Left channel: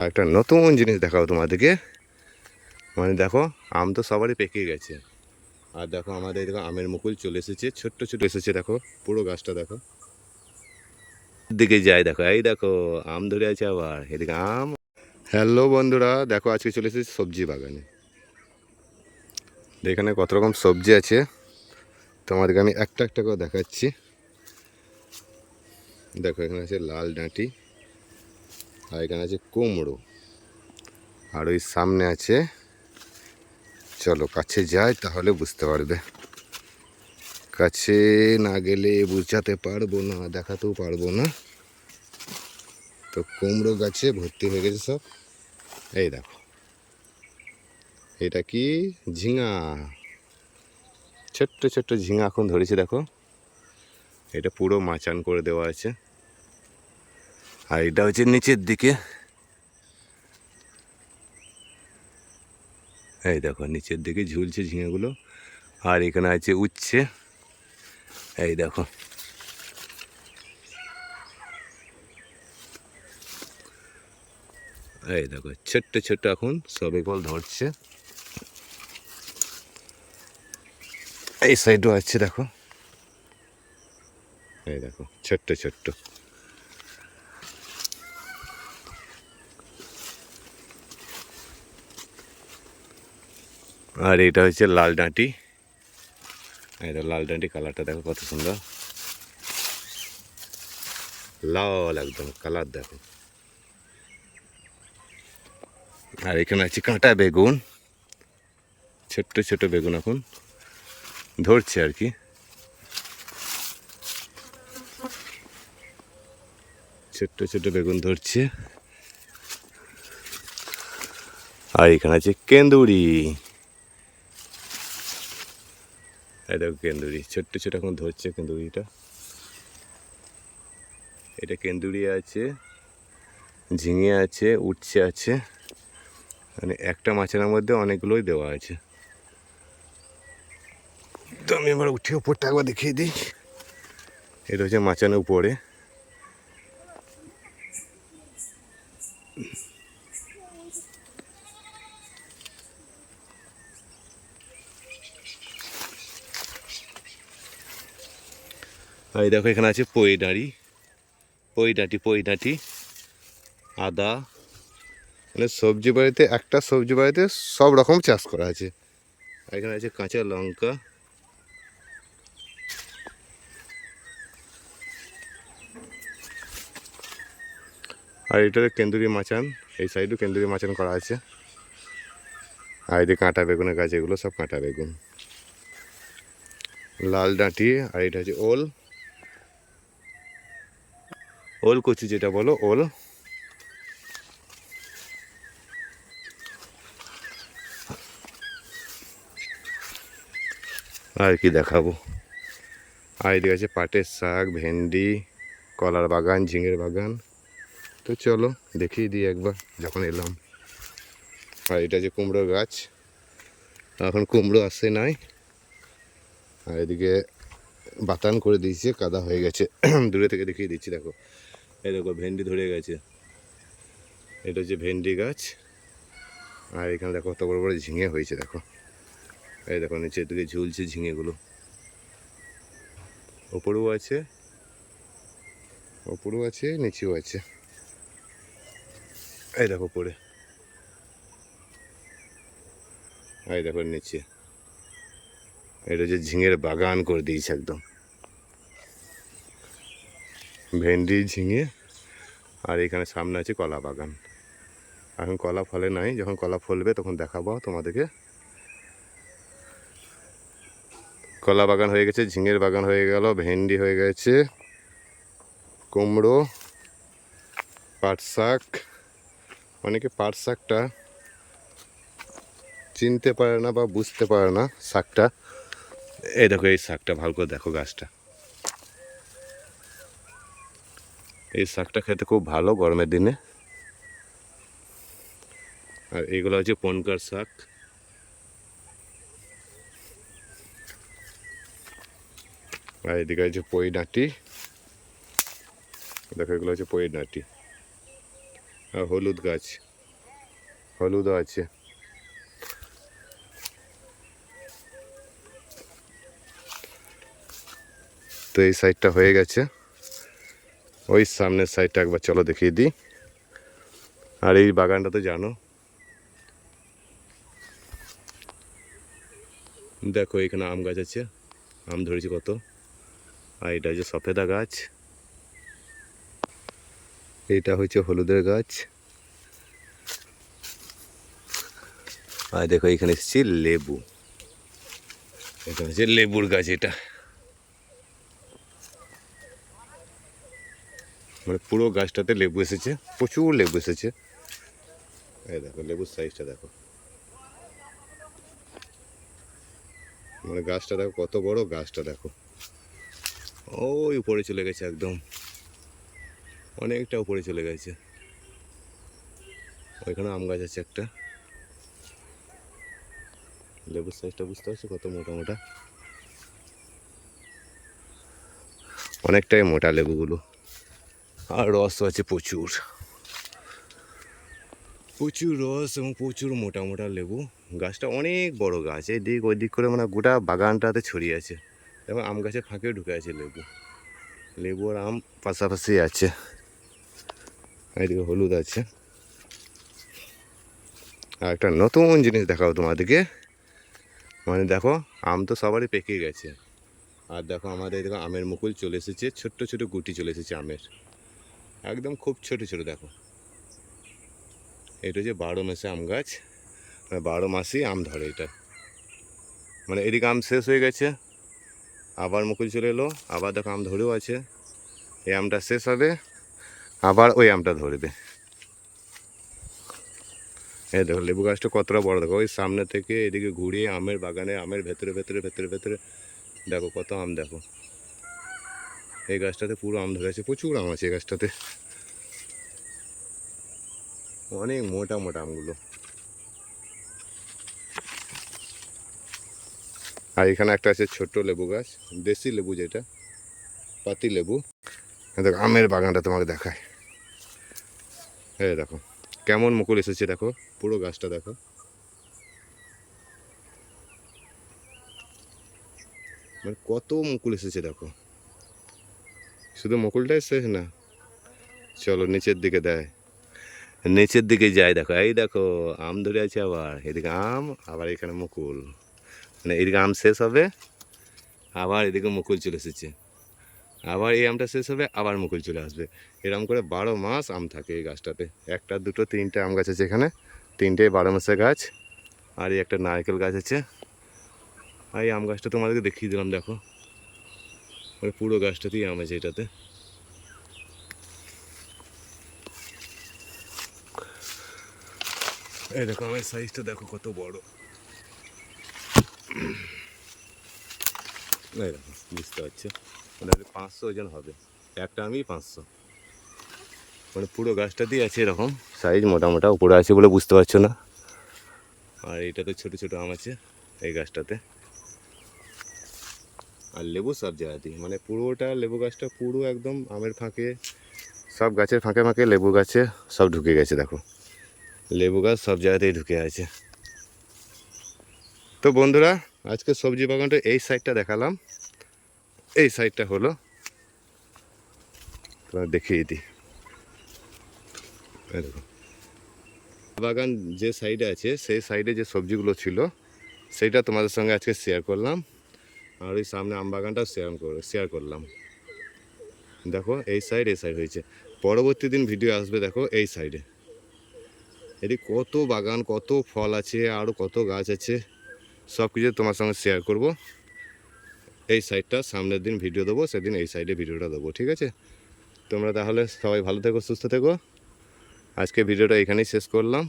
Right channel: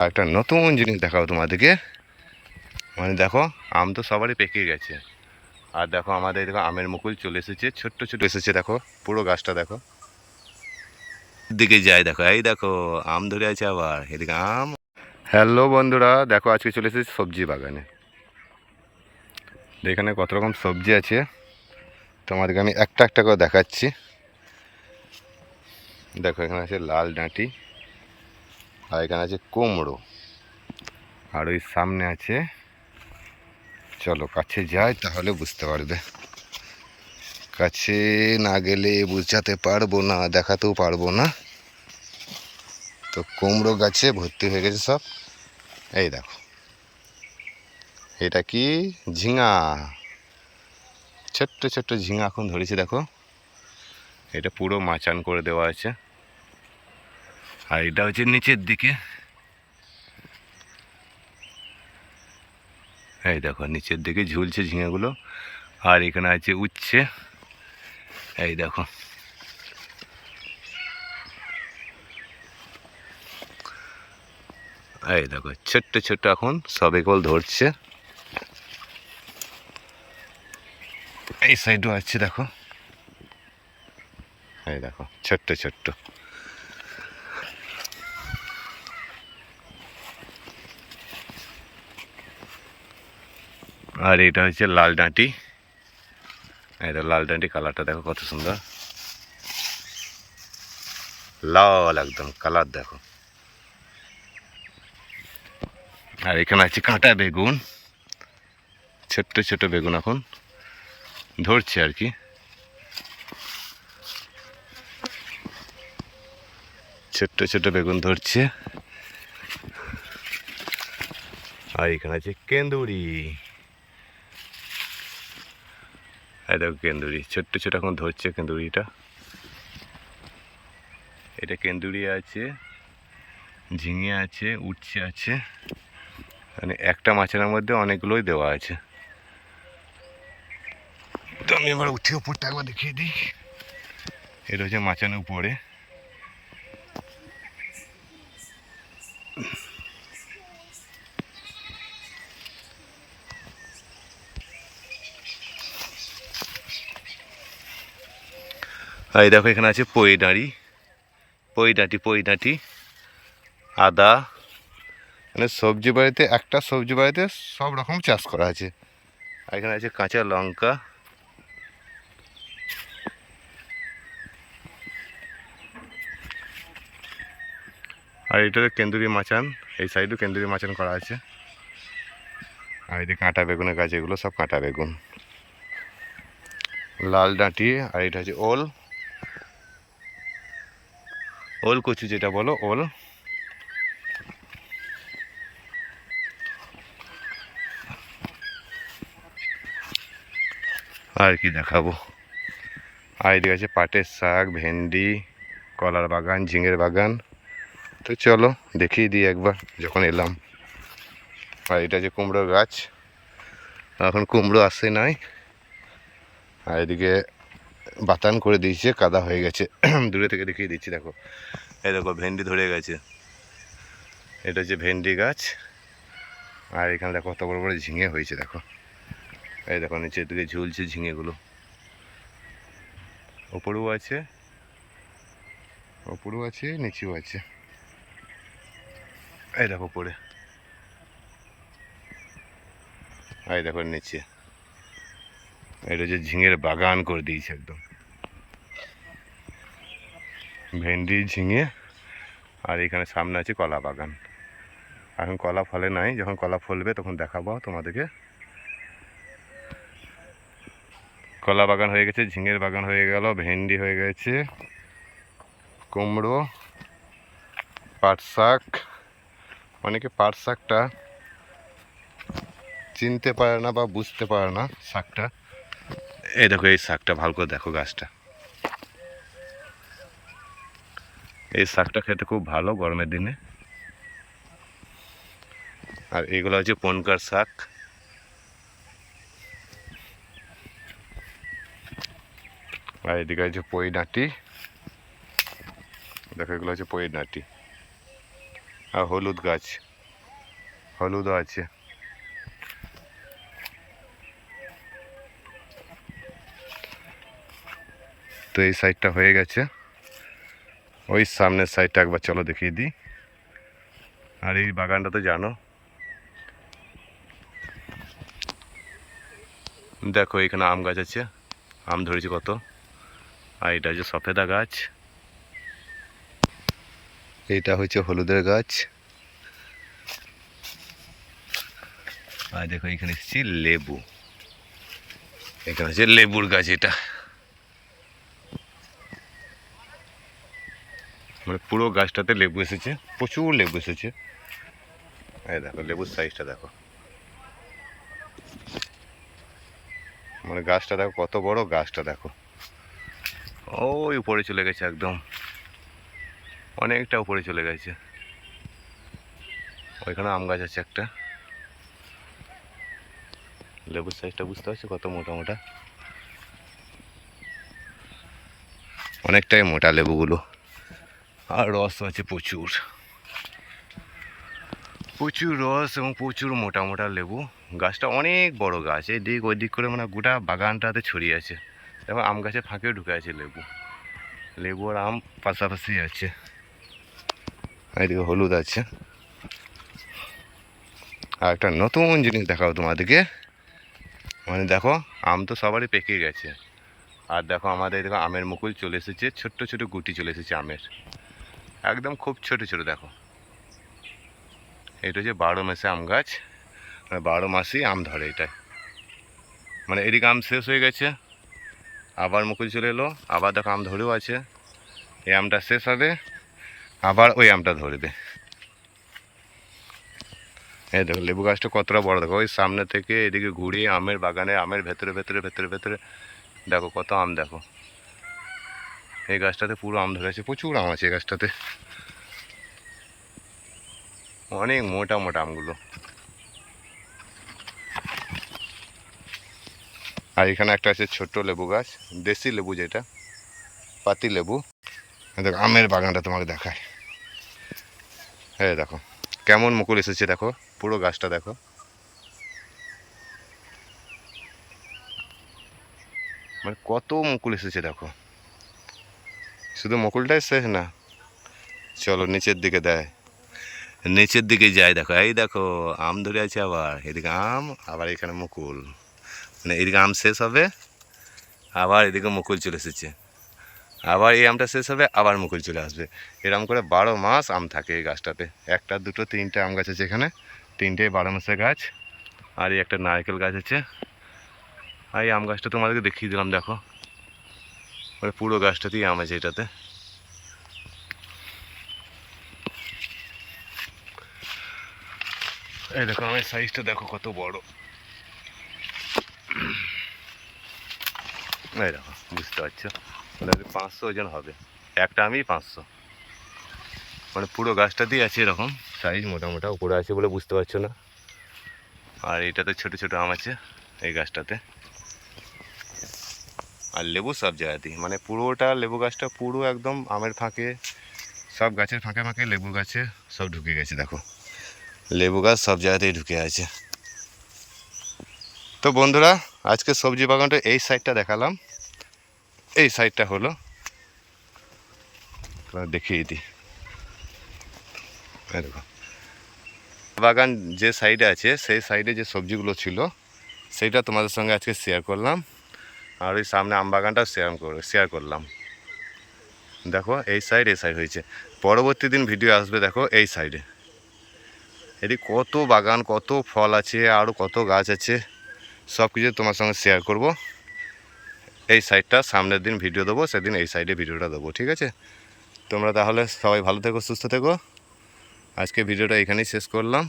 একটা নতুন জিনিস দেখাও তোমাদেরকে। মানে দেখো, আম তো সবারই পেকে গেছে। আর দেখো আমাদের দেখো আমের মুকুল চলে এসেছে, ছোট্ট ছোট এসেছে দেখো, পুরো গাছটা দেখো। দিকে যাই দেখো, এই দেখো, আম ধরে আছে আবার, এদিকে আম। হ্যালো বন্ধুরা, দেখো আজকে চলে এসেছি সবজি বাগানে। এখানে কত রকম সবজি আছে। তোমাদেরকে আমি একটা একটা করে দেখাচ্ছি। দেখো এখানে আছে লাল ডাঁটি। আর এখানে আছে কুমড়ো। আর ওই সামনে আছে, চলো কাছে যাই তাহলে বুঝতে পারবে। কাছে না গেলে বুঝাতে পারব না, দেখাতেও পারব না। তো কুমড়ো গাছে ভর্তি হয়ে গেছে সব। এই দেখো। এটা কি? ঝিঙা। ছোট্ট ছোট্ট ঝিঙা এখন ধরেছে দেখো। এটা পুরো মাচান করে দেওয়া আছে। আর এটা হচ্ছে নিচের দিকে। এই দেখো, নিচের দিকে ঝুলছে ঝিঙেগুলো, আর এখানে আছে উচ্ছে। এই দেখো। এই দেখো, ছোট্ট ছোট্ট এখন সবে কেবল ধরছে। এই সাইডও আছে, দেখো। এই দেখো, ছোট্ট ছোট্ট। আর এটা হচ্ছে লাল ডাঁটি। এটা লাল ডাঁটি কালারটা দেখো কত সুন্দর। লাল একদম কালার দেখো। আর এখানে আছে কাঁটা বেগুন। ছোট্ট ছোট বেগুন এখন ধরছে আর কি। ছোট্ট ছোট বেগুন ধরছে। আর এখানে আছে কেন্দুরি। এই দেখো কেন্দুরি, ছোট্ট ছোট এখন ধরছে কেন্দুরিটা। এটা কেন্দুরি আছে, ঝিঙে আছে, উচ্ছে আছে মানে একটা মাছের মধ্যে অনেকগুলোই দেওয়া আছে। তো আমি এবার উঠে উপরটা একবার দেখিয়ে দিই। এটা হচ্ছে মাচানের উপরে। এই দেখো, এখানে আছে পই ডাঁড়ি। পই ডাঁটি পই ডাঁটি। আদা। মানে সবজি বাড়িতে, একটা সবজি বাড়িতে সব রকম চাষ করা আছে। আর এখানে আছে কাঁচা লঙ্কা। আর এটা কেন্দুরি মাচান, এই সাইডও কেন্দুরি মাচান করা আছে। আর যে কাঁটা বেগুনের গাছ, এগুলো সব কাঁটা বেগুন। লাল ডাঁটি, আর এটা হচ্ছে ওল। ওল কচু যেটা বলো, ওল। আর কি দেখাবো? আর এদিকে আছে পাটের শাক, ভেন্ডি, কলার বাগান, ঝিঙের বাগান। তো চলো, দেখিয়ে দিই একবার, যখন এলাম। আর এটা যে কুমড়োর গাছ, এখন কুমড়ো আসে নাই। আর এদিকে বাতান করে দিয়েছে, কাদা হয়ে গেছে। দূরে থেকে দেখিয়ে দিচ্ছি, দেখো। এই দেখো, ভেন্ডি ধরে গেছে। এটা হচ্ছে ভেন্ডি গাছ। আর এখানে দেখো, কত বড় বড় ঝিঙে হয়েছে, দেখো। এই দেখো, নিচের দিকে ঝুলছে ঝিঙেগুলো। ওপরেও আছে ওপরেও আছে, নিচেও আছে। এই দেখো পরে এই দেখো, নিচে। এটা হচ্ছে ঝিঙের বাগান করে দিয়েছে, একদম। ভেন্ডি, ঝিঙে আর এখানে সামনে আছে কলা বাগান। এখন কলা ফলে নাই, যখন কলা ফলবে তখন দেখাবো তোমাদেরকে। কলা বাগান হয়ে গেছে, ঝিঙের বাগান হয়ে গেল, ভেন্ডি হয়ে গেছে, কুমড়ো, পাট শাক। অনেকে পাট শাকটা চিনতে পারে না বা বুঝতে পারে না শাকটা। এই দেখো, এই শাকটা, ভালো করে দেখো গাছটা। এই শাকটা খেতে খুব ভালো গরমের দিনে। আর এগুলো হচ্ছে পনকার শাক। আর এদিকে হচ্ছে পই ডাঁটি দেখো, এগুলো হচ্ছে পই ডাঁটি আর হলুদ গাছ। হলুদও আছে। তো এই সাইডটা হয়ে গেছে। ওই সামনের সাইডটা একবার চলো দেখিয়ে দিই। আর এই বাগানটা তো জানো? দেখো, এখানে আম গাছ আছে। আম ধরেছে কত? আর এটা হচ্ছে সফেদা গাছ। এইটা হচ্ছে হলুদের গাছ। আর দেখো, এখানে এসেছি লেবু। এখানে হচ্ছে লেবুর গাছ এটা। মানে পুরো গাছটাতে লেবু এসেছে, প্রচুর লেবু এসেছে। এই দেখো, লেবুর সাইজটা দেখো। মানে গাছটা দেখো, কত বড় গাছটা দেখো। ওই উপরে চলে গেছে একদম। অনেকটা উপরে চলে গেছে। ওইখানে আম গাছ আছে একটা। লেবুর সাইজটা বুঝতে পারছ কত মোটা মোটা? অনেকটাই মোটা লেবুগুলো। আর রস আছে প্রচুর। প্রচুর রস এবং প্রচুর মোটা মোটা লেবু। গাছটা অনেক বড় গাছ এই দিক ওই দিক করে মানে গোটা বাগানটাতে ছড়িয়ে আছে। এবং আম গাছের ফাঁকেও ঢুকে আছে লেবু। লেবু আর আম পাশাপাশি আছে। এদিকে হলুদ আছে। আর একটা নতুন জিনিস দেখাবো তোমাদেরকে। মানে দেখো, আম তো সবারই পেকে গেছে। আর দেখো আমাদের দেখো আমের মুকুল চলে এসেছে, ছোট্ট ছোট গুটি চলে এসেছে আমের। একদম খুব ছোট ছোট, দেখো। এটা হচ্ছে বারো মাসে আম গাছ। মানে বারো মাসেই আম ধরে এটাই। মানে এদিকে আম শেষ হয়ে গেছে। আবার মুকুল চলে এলো। আবার দেখো আম ধরেও আছে। এই আমটা শেষ হবে। আবার ওই আমটা ধরবে। এই দেখো, লেবু গাছটা কতটা বড়, দেখো। ওই সামনে থেকে এদিকে ঘুরিয়ে আমের বাগানে, আমের ভেতরে ভেতরে ভেতরে ভেতরে, দেখো কত আম, দেখো। এই গাছটাতে পুরো আম ধরে আছে, প্রচুর আম আছে এই গাছটাতে। অনেক মোটা মোটা আমগুলো। আর এখানে একটা আছে ছোট্ট লেবু গাছ, দেশি লেবু যেটা, পাতি লেবু। দেখো, আমের বাগানটা তোমাকে দেখায়। হ্যাঁ দেখো, কেমন মুকুল এসেছে দেখো, পুরো গাছটা দেখো। মানে কত মুকুল এসেছে দেখো। শুধু মুকুলটাই শেষ না। চলো নিচের দিকে দেয়। নিচের দিকে যায় দেখো। এই দেখো, আম ধরে আছে আবার। এদিকে আম, আবার এখানে মুকুল। মানে এদিকে আম শেষ হবে, আবার এদিকে মুকুল চলে এসেছে। আবার এই আমটা শেষ হবে, আবার মুকুল চলে আসবে। এরকম করে বারো মাস আম থাকে এই গাছটাতে। একটা, দুটো, তিনটে আম গাছ আছে এখানে। তিনটে বারো মাসের গাছ। আর এই একটা নারকেল গাছ আছে। আর এই আম গাছটা তোমাদেরকে দেখিয়ে দিলাম, দেখো। মানে পুরো গাছটাতেই আম আছে এটাতে। এই দেখো, আমের সাইজটা দেখো কত বড়। এই দেখো, বুঝতে পারছ? ওটা পাঁচশো ওজন হবে। একটা আমি পাঁচশো। মানে পুরো গাছটাতেই আছে এরকম সাইজ মোটা মোটা উপরে আছে বলে বুঝতে পারছ না? আর এটাতে ছোট ছোট আম আছে এই গাছটাতে। আর লেবু সব জায়গাতেই। মানে পুরোটা লেবু গাছটা পুরো একদম আমের ফাঁকে, সব গাছের ফাঁকে ফাঁকে লেবু গাছে সব ঢুকে গেছে, দেখো। লেবু গাছ সব জায়গাতেই ঢুকে আছে। তো বন্ধুরা, আজকে সবজি বাগানটা এই সাইডটা দেখালাম। এই সাইডটা হলো দেখিয়ে দিই। দেখো। বাগান যে সাইডে আছে, সেই সাইডে যে সবজিগুলো ছিল, সেইটা তোমাদের সঙ্গে আজকে শেয়ার করলাম। আর ওই সামনে আম বাগানটাও শেয়ার শেয়ার করলাম। দেখো, এই সাইড এই সাইড হয়েছে। পরবর্তী দিন ভিডিও আসবে, দেখো, এই সাইডে এদিকে কত বাগান, কত ফল আছে আরও কত গাছ আছে, সব কিছু তোমার সঙ্গে শেয়ার করব। এই সাইডটা সামনের দিন ভিডিও দেবো, সেদিন এই সাইডে ভিডিওটা দেবো, ঠিক আছে? তোমরা তাহলে সবাই ভালো থেকো, সুস্থ থেকো। আজকে ভিডিওটা এখানেই শেষ করলাম।